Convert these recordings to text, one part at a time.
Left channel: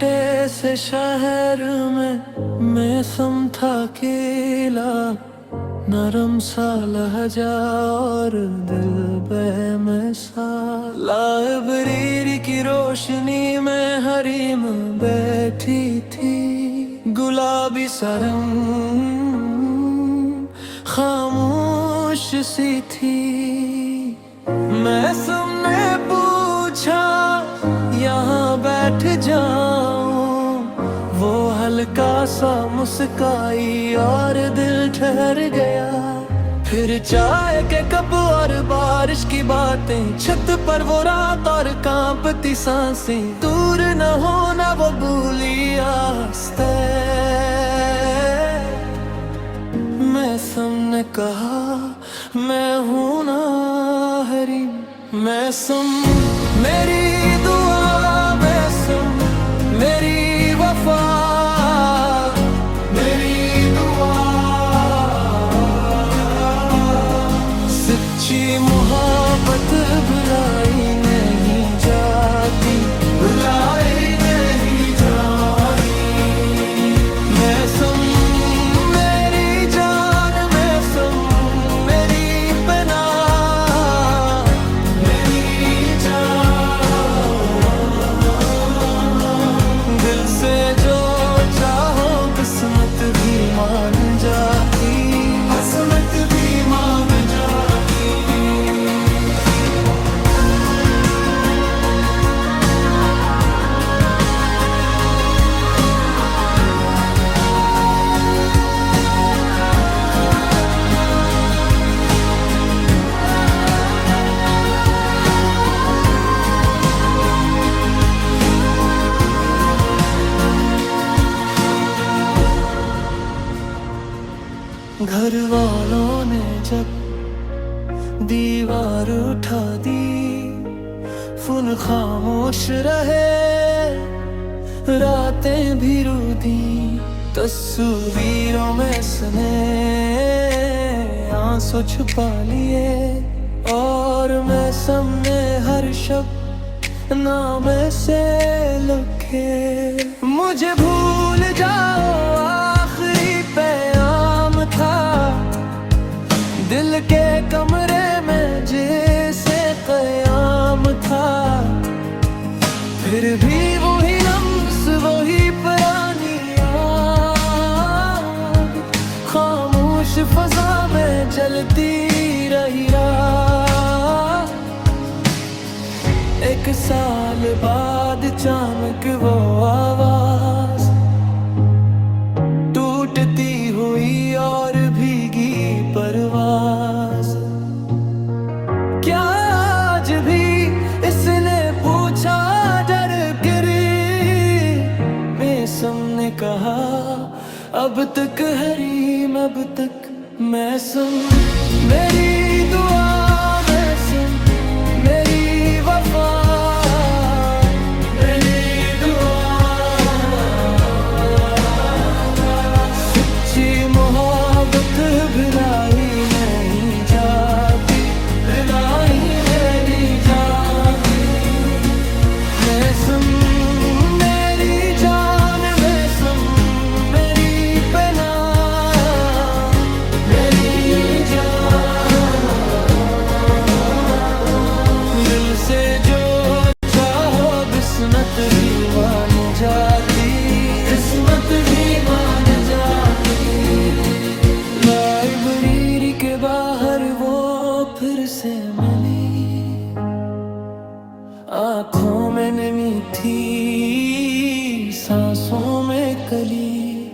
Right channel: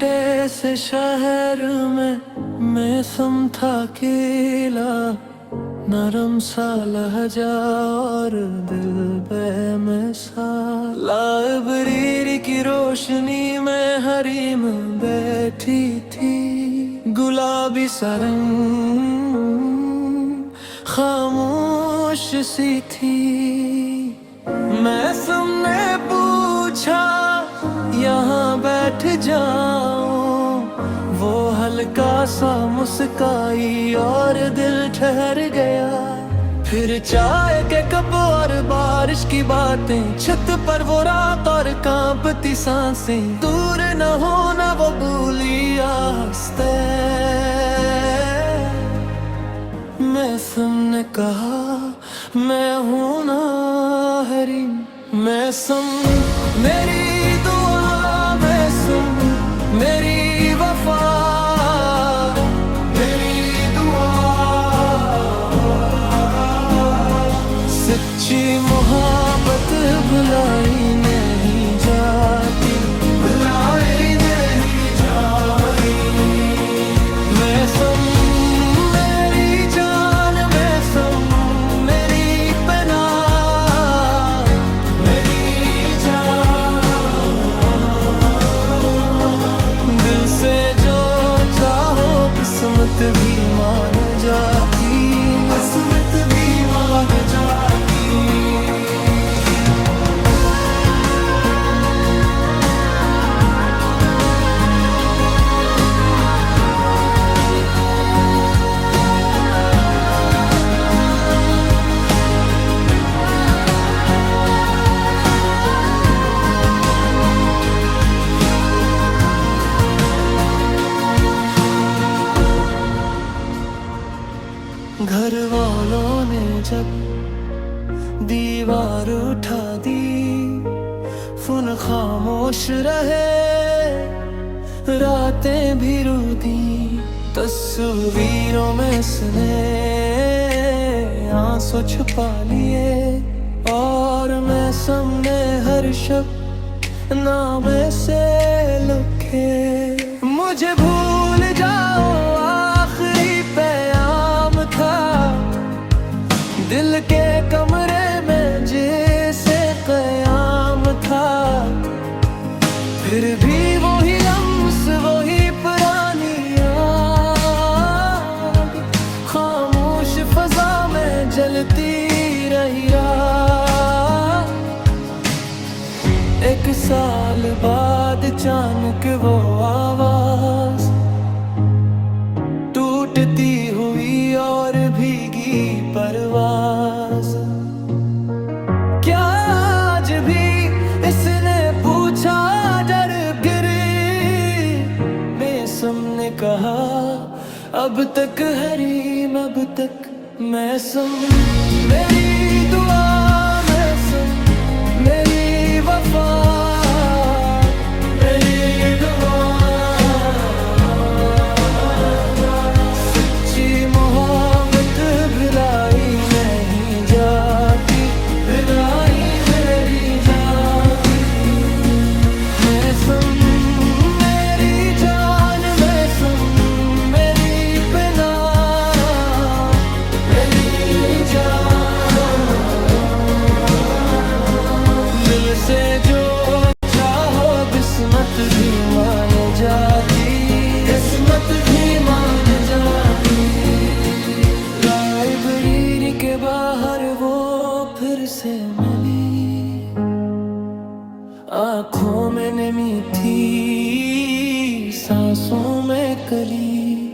छोटे से शहर में मैं था अकेला, नरम सा लहजा और दिल बेमिसाल। लाइब्रेरी की रोशनी में हरीम बैठी थी, गुलाबी सा रंग खामोश सी थी। मैं सबने पूछा यहाँ बैठ जाऊं, वो हल्का सा मुस्काई और दिल ठहर गया। फिर चाय के कप और बारिश की बातें, छत पर वो रात और कांपती सांसें। दूर न होना वो भूली आस्ते। मैं सबने कहा मैं हूं ना हरी, मैं मेरी दुआ, मैं मेरी वफा, मेरी दुआ। सच्ची मोहब्बत भुलाई नहीं जाती, भुलाई नहीं जाती। मैं मेरी जान, मैं मेरी पना, मेरी जान। दिल से जो चाहो किस्मत भी मान जाती, किस्मत भी मान जाती। घर वालों ने जब दीवार उठा दी, फोन खामोश रहे, रातें भी रो दी। तस्वीरों में इसने आंसू छुपा लिए, और मैं सामने हर शब्द नाम से लिखे। मुझे भूल जाओ आखिरी पैगाम था, दिल के कमरे में जैसे क़याम था। फिर भी वही लम्स, वही पुरानी आग, खामोश फ़ज़ा में जलती रही रात। एक साल बाद अचानक वो आवाज़, टूटती हुई और भीगी परवाज़। क्या आज भी इसने पूछा डर गिरी? मैं सबने कहा अब तक हरीम, अब तक मैं मेरी दुआ, मैं मेरी वफा, मेरी दुआ। सच्ची मोहब्बत भुलाई नहीं जाती, भुलाई नहीं जाती। मैं मेरी जान, मैं मेरी पना, मेरी जान। दिल से जो चाहो किस्मत भी मान जाती, किस्मत भी मान जाती। लाइब्रेरी के बाहर वो फिर से मिली, आँखों में नमी थी, सांसों में कली।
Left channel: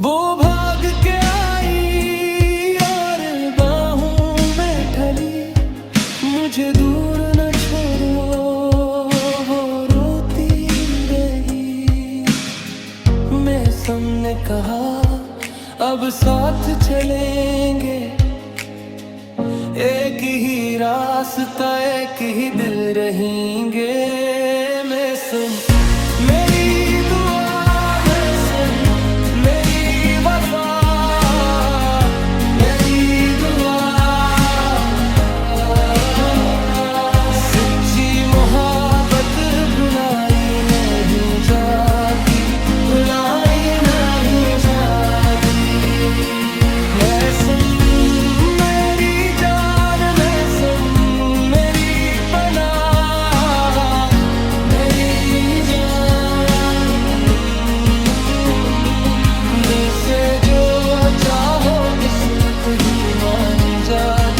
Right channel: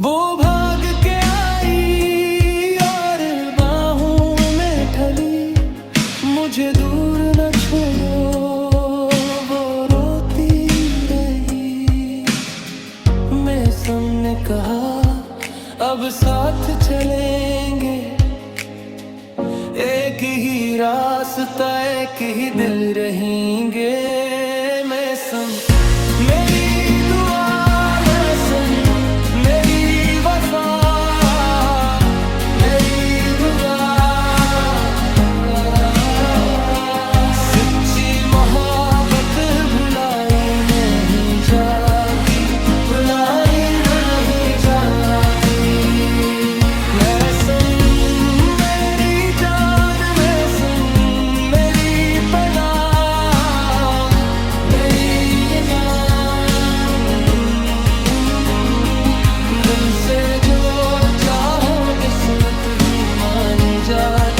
वो भाग के आई और बाहों में ढली, मुझे दूर न छोड़ो वो रोती रही। मैं सबने कहा अब साथ चलेंगे, एक ही रास्ता, एक ही दिल रहेंगे। मैं मेरी दुआ, मैं मेरी वफा, मेरी दुआ। सच्ची मोहब्बत भुलाई नहीं जाती। भी मान जाती।